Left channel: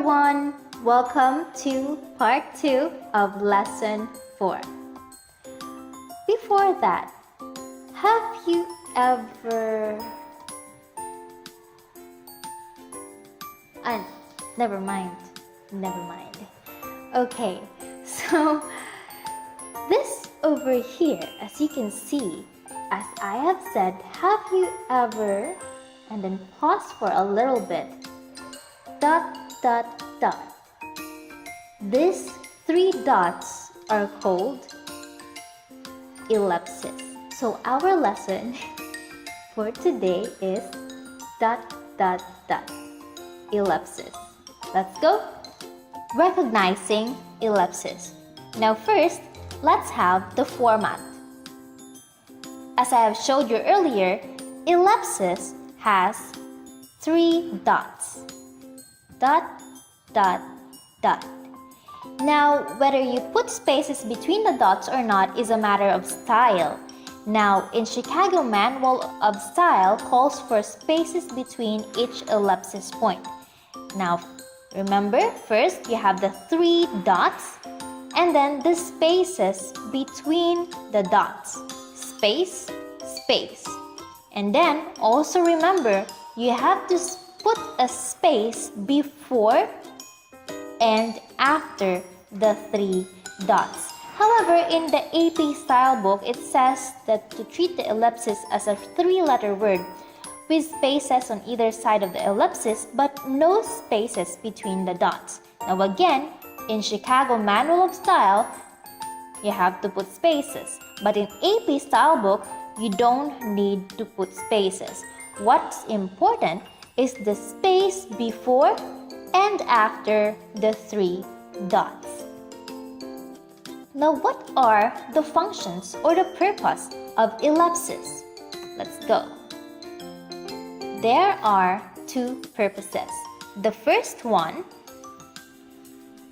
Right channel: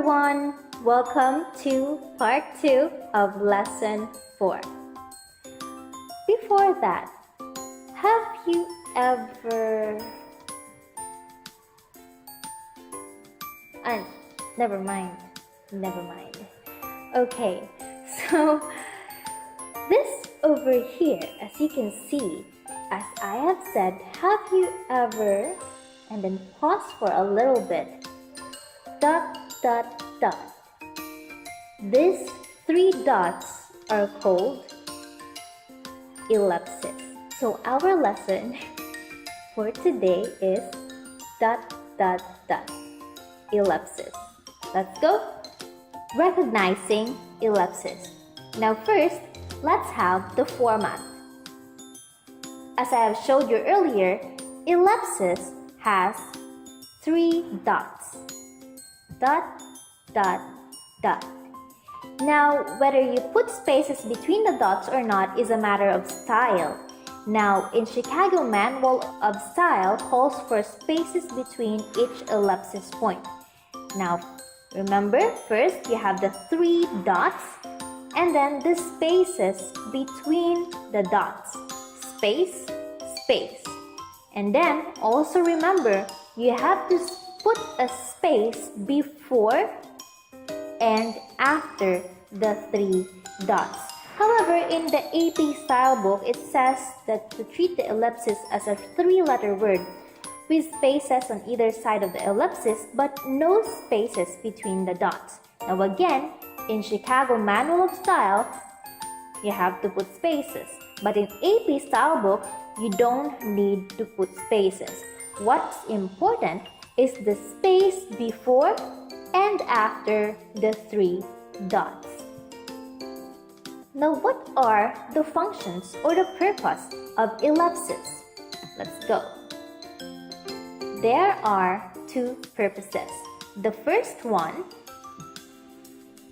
everyone, welcome to part 2 of lesson 4. Before that, have you ever... never mind. Okay, so this over here, as you can see, as I have said, have you ever, and then pause for a little bit, ... These 3 dots are called ellipses. So our lesson for today is ... ellipses. Let's go. Recognizing ellipses. Now first, let's have the format. As I have showed you earlier, ellipsis has 3 dots. ... Now, whether you put spaces between the dots or not is a matter of style. Now, in Chicago Manual of Style calls for spaces between each ellipsis point. Now, remember, first you have the 3 dots and then the spaces between the dots. Space, space. And then also remember, you have to put a space before and after the 3 dots. However, in the AP style book, it says that to treat the ellipsis as a 3-letter word with spaces on either side of the ellipsis but no spaces between the dots. Now again, in Chicago Manual of Style, you have to put spaces. But in AP style book, you don't need to put spaces. What's important is the space before and after the 3 dots. Now, what are the functions or the purpose of ellipses? Let's go. There are 2 purposes. The first one,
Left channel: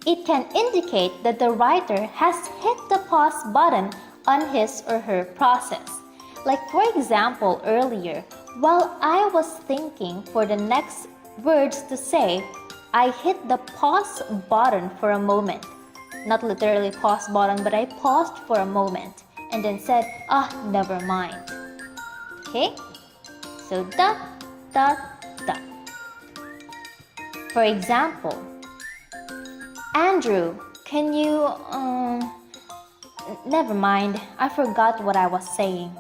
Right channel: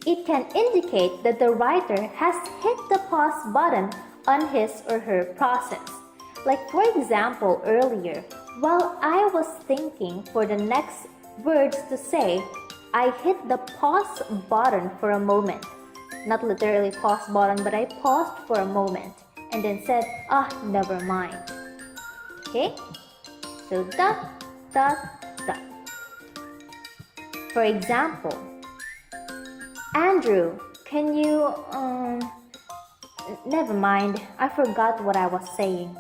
it can indicate that the writer has hit the pause button on his or her process. Like for example, earlier, while I was thinking for the next words to say, I hit the pause button for a moment. Not literally pause button, but I paused for a moment and then said, never mind. Okay? So ... For example, Andrew, can you... Never mind, I forgot what I was saying.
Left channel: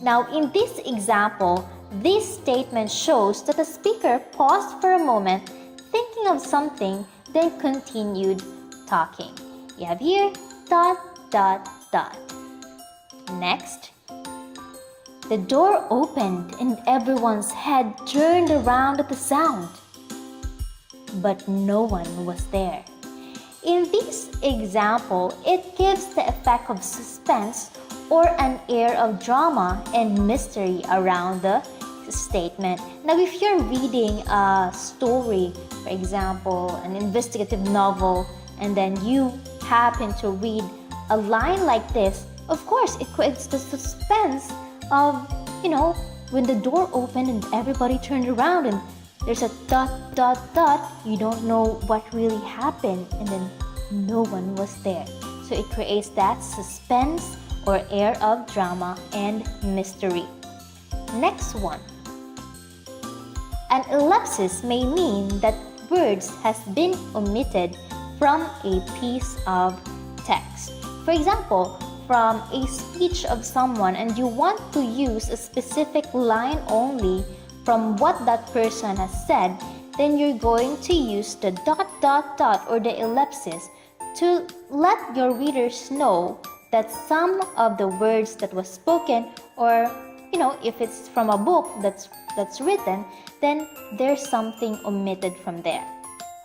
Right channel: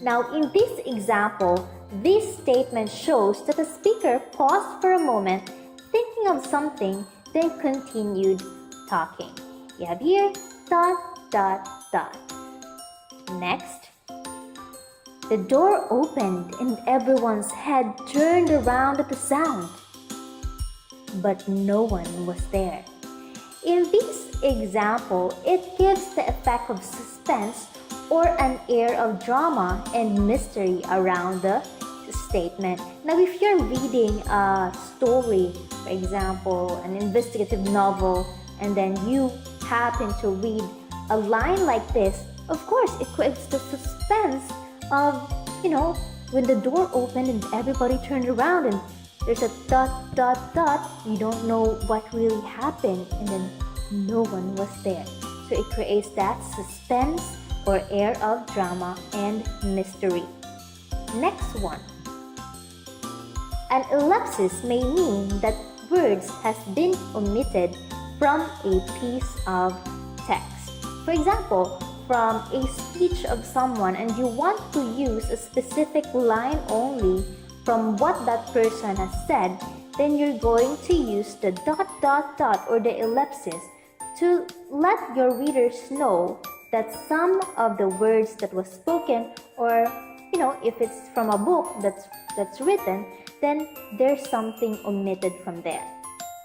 Now, in this example, this statement shows that the speaker paused for a moment, thinking of something, then continued talking. You have here ... Next, the door opened and everyone's head turned around at the sound. But no one was there. In this example, it gives the effect of suspense or an air of drama and mystery around the statement. Now, if you're reading a story, for example, an investigative novel, and then you happen to read a line like this, of course, it creates the suspense of, when the door opened and everybody turned around and there's a ... You don't know what really happened and then no one was there. So it creates that suspense or air of drama and mystery. Next one. An ellipsis may mean that words has been omitted from a piece of text. For example, from a speech of someone and you want to use a specific line only from what that person has said, then you're going to use the ... or the ellipsis to let your readers know that some of the words that was spoken, or if it's from a book that's written, then there's something omitted from there.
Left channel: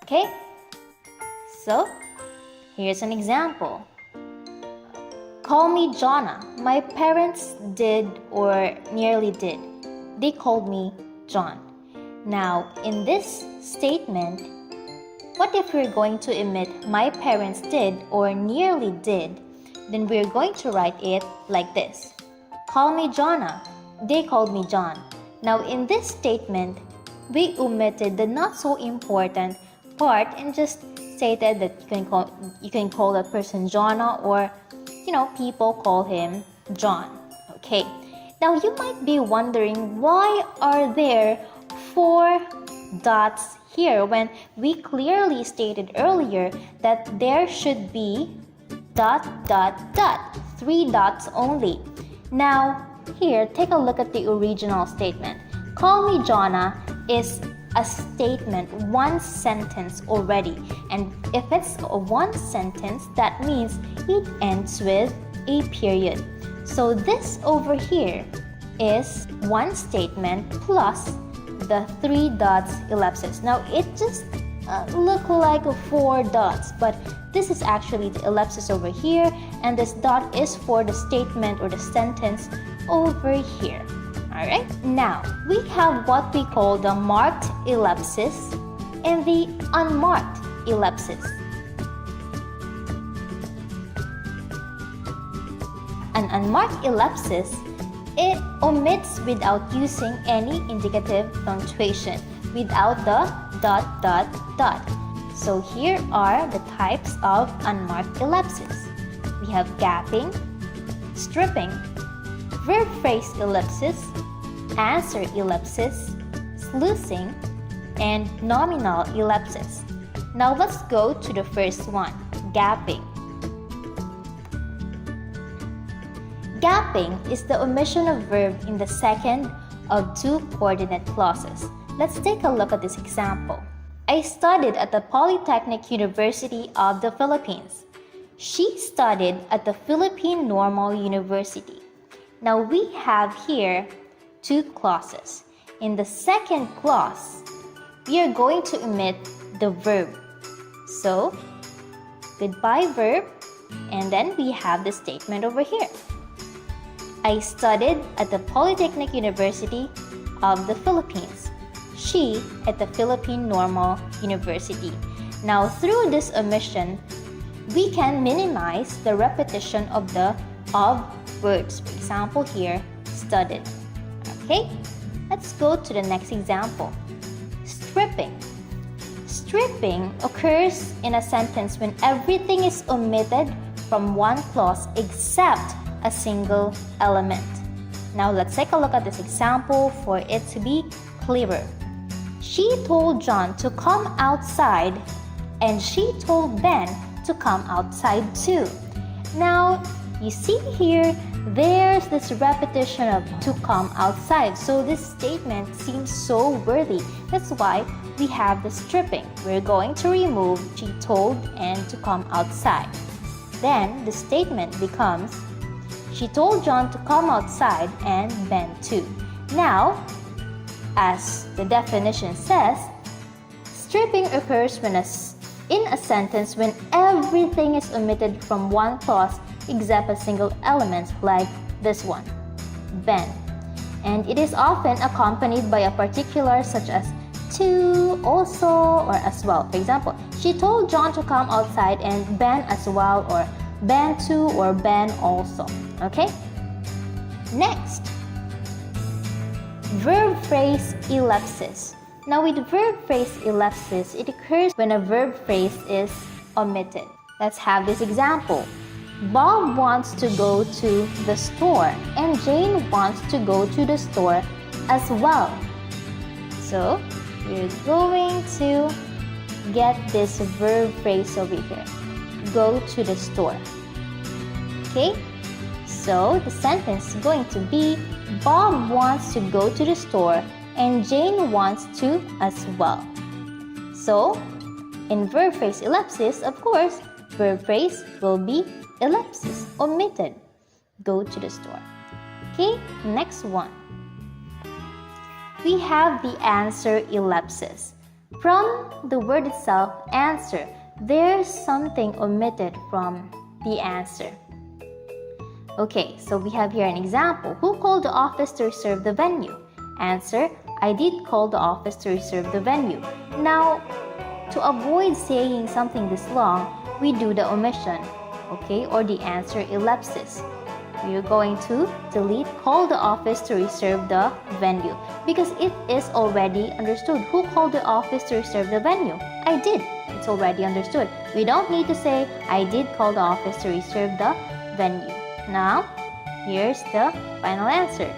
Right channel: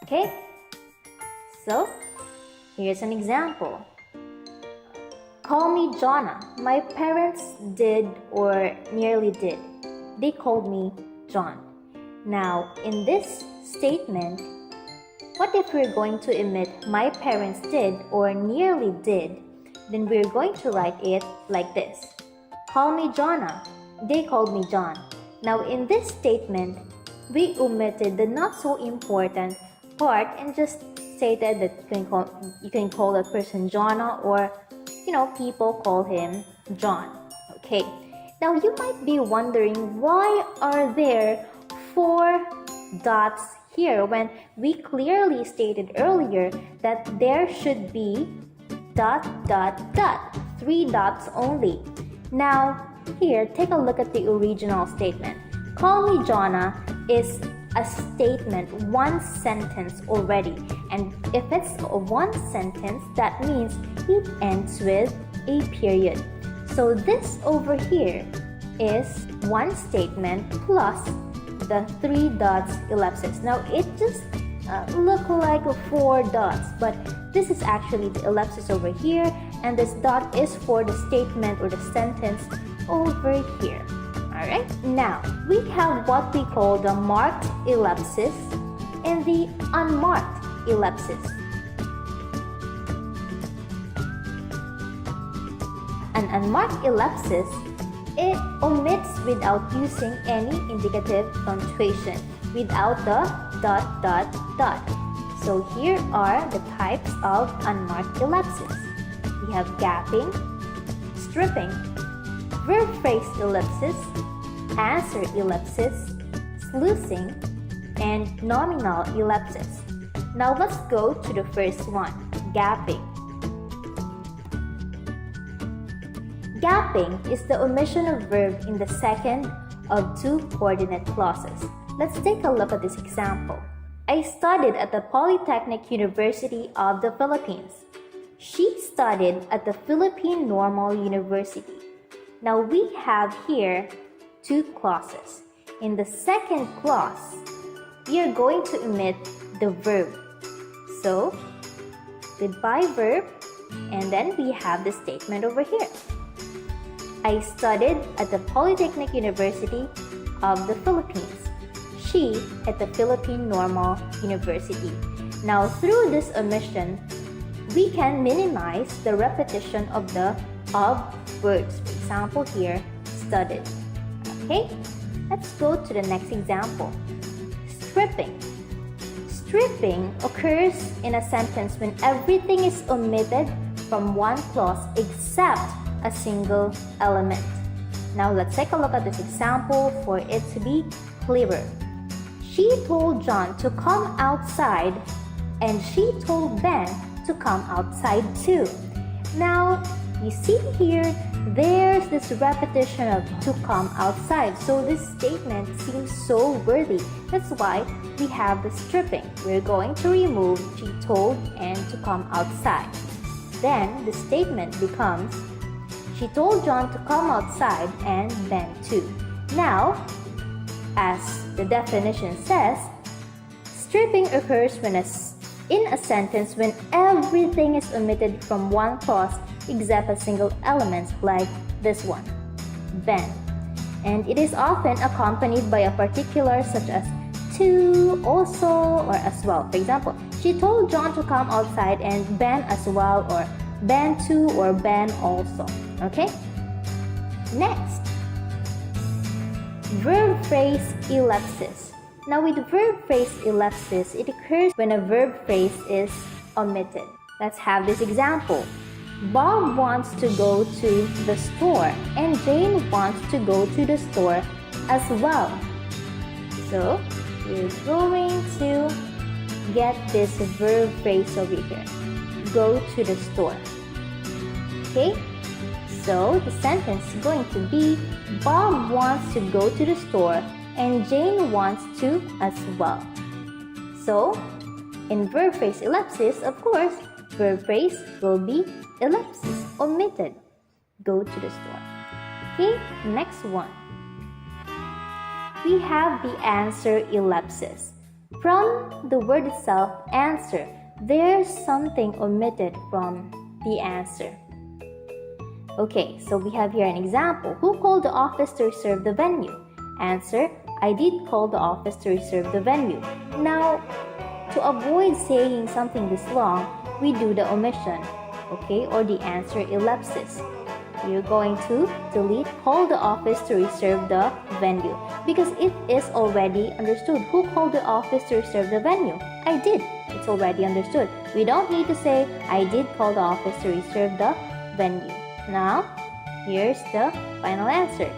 Okay? So, here's an example. Call me Jonna. My parents did or nearly did. They called me John. Now, in this statement, what if we're going to omit my parents did or nearly did? Then we're going to write it like this. Call me Jonna. They called me John. Now, in this statement, we omitted the not so important part and just stated that you can call that person Jonna, or people call him John. Okay. Now you might be wondering, why are there 4 dots here when we clearly stated earlier that there should be ... 3 dots only. Now here, take a look at the original statement. Call me Jonna is a statement, one sentence already, and if it's a one sentence, that means it ends with a period. So this over here is one statement plus the 3 dots ellipsis. Now it just look like 4 dots, but this is actually the ellipsis over here, and this dot is for the statement or the sentence over here. Alright, now we have what we call the marked ellipsis and the unmarked ellipsis. An unmarked ellipsis, it omits without using any indicative punctuation, without the ... So here are the types of unmarked ellipsis. We have gapping, stripping, verb phrase ellipsis, answer ellipsis, sluicing, and nominal ellipsis. Now let's go to the first one, gapping. Gapping is the omission of verb in the second of 2 coordinate clauses. Let's take a look at this example. I studied at the Polytechnic University of the Philippines. She studied at the Philippine Normal University. Now we have here 2 clauses. In the second clause, we are going to omit the verb. So, goodbye verb, and then we have the statement over here. I studied at the Polytechnic University of the Philippines. She at the Philippine Normal University. Now through this omission, we can minimize the repetition of words. For example here, studied. Okay, let's go to the next example. Stripping. Stripping occurs in a sentence when everything is omitted from one clause except a single element. Now let's take a look at this example for it to be clearer. She told John to come outside, and she told Ben to come outside too. Now you see here, there's this repetition of to come outside. So this statement seems so worthy. That's why we have the stripping. We're going to remove she told and to come outside. Then the statement becomes she told John to come outside and Ben too. Now, as the definition says, stripping occurs in a sentence when everything is omitted from one clause except a single element, like this one, Ben. And it is often accompanied by a particular such as to, also, or as well. For example, she told John to come outside and Ben as well, or Ben too, or Ben also. Okay? Next, verb phrase ellipsis. Now with verb phrase ellipsis, it occurs when a verb phrase is omitted. Let's have this example. Bob wants to go to the store and Jane wants to go to the store as well. So you're going to get this verb phrase over here. Go to the store. Okay? So the sentence is going to be Bob wants to go to the store and Jane wants to as well. So in verb phrase ellipsis, of course, verb phrase will be ellipsis, omitted. Go to the store. Okay, next one. We have the answer ellipsis. From the word itself, answer, there's something omitted from the answer. Okay, so we have here an example. Who called the office to reserve the venue? Answer, I did call the office to reserve the venue. Now, to avoid saying something this long, we do the omission, okay, or the answer ellipsis. You're going to delete call the office to reserve the venue because it is already understood. Who called the office to reserve the venue? I I did. It's already understood. We don't need to say, I did call the office to reserve the venue. Now, here's the final answer.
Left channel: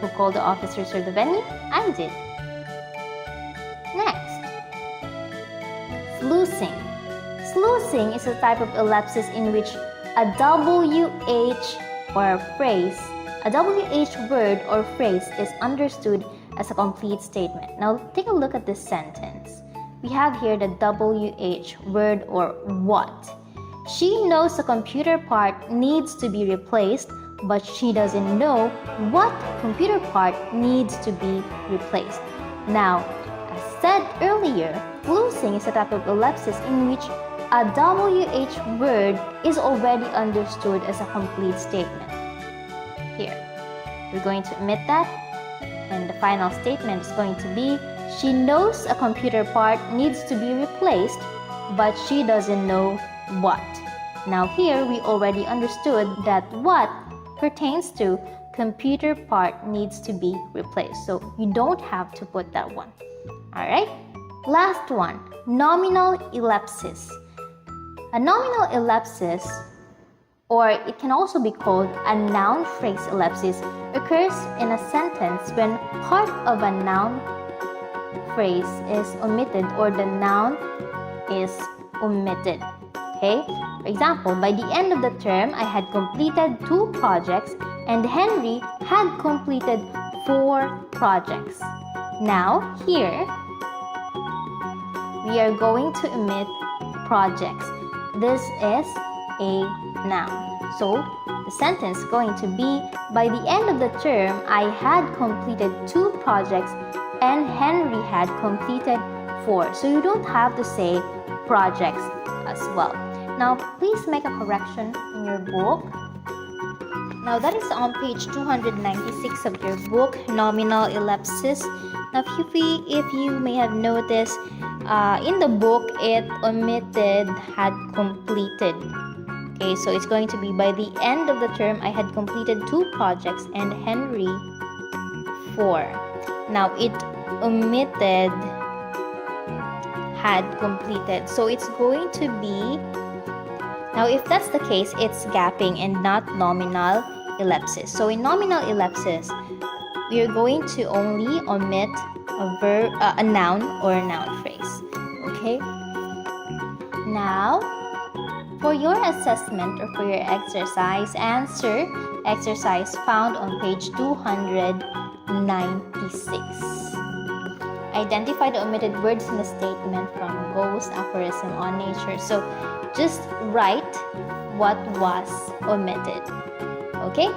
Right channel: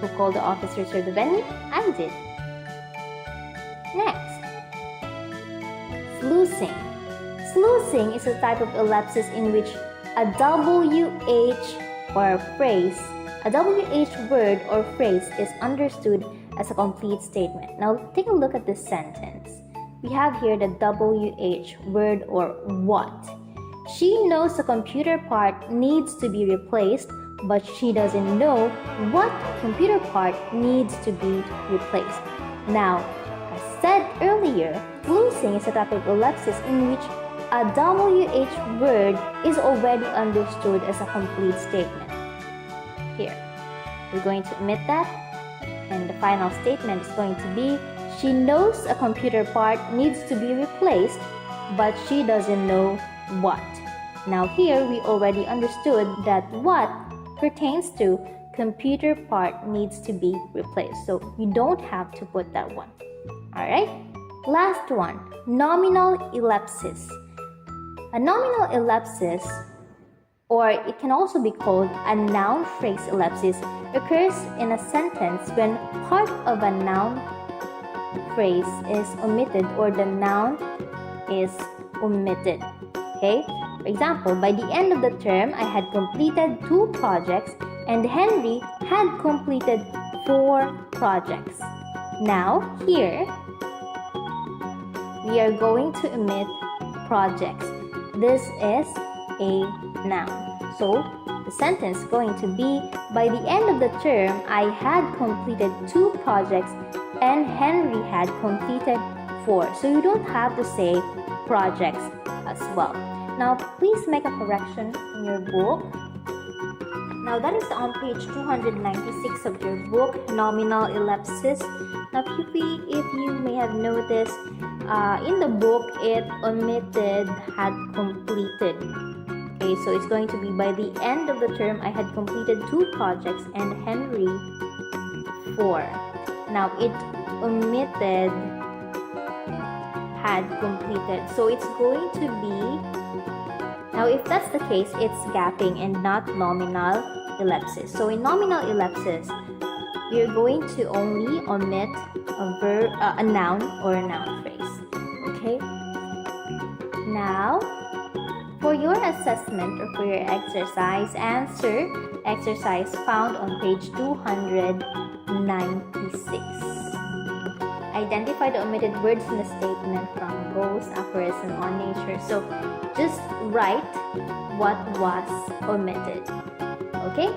Who called the office to reserve the venue? I did. Next, sluicing. Sluicing is a type of ellipsis in which a WH or phrase, a WH word or phrase is understood as a complete statement. Now take a look at this sentence. We have here the WH word or what. She knows the computer part needs to be replaced, but she doesn't know what computer part needs to be replaced. Now, as said earlier, sluicing is a type of ellipsis in which a WH word is already understood as a complete statement. Here, we're going to omit that, and the final statement is going to be, she knows a computer part needs to be replaced, but she doesn't know what. Now here, we already understood that what pertains to computer part needs to be replaced. So you don't have to put that one. Alright? Last one, nominal ellipsis. A nominal ellipsis, or it can also be called a noun phrase ellipsis, occurs in a sentence when part of a noun phrase is omitted or the noun is omitted. Okay? For example, by the end of the term, I had completed 2 projects and Henry had completed 4 projects. Now, here, we are going to omit projects. This is a noun. So, the sentence is going to be, by the end of the term, I had completed 2 projects and Henry had completed 4. So, you don't have to say projects as well. Now, please make a correction in your book. Now, that is on page 296 of your book, Nominal Ellipsis. Now, if you may have noticed, in the book, it omitted had completed. Okay, so it's going to be, by the end of the term, I had completed 2 projects and Henry 4. Now, it omitted had completed. So, it's going to be, now if that's the case, it's gapping and not nominal ellipsis. So, in nominal ellipsis, we are going to only omit a noun or a noun phrase. Okay? Now, for your assessment or for your exercise, answer exercise found on page 296. Identify the omitted words in the statement from both aphorism on nature. So, just write what was omitted. Okay?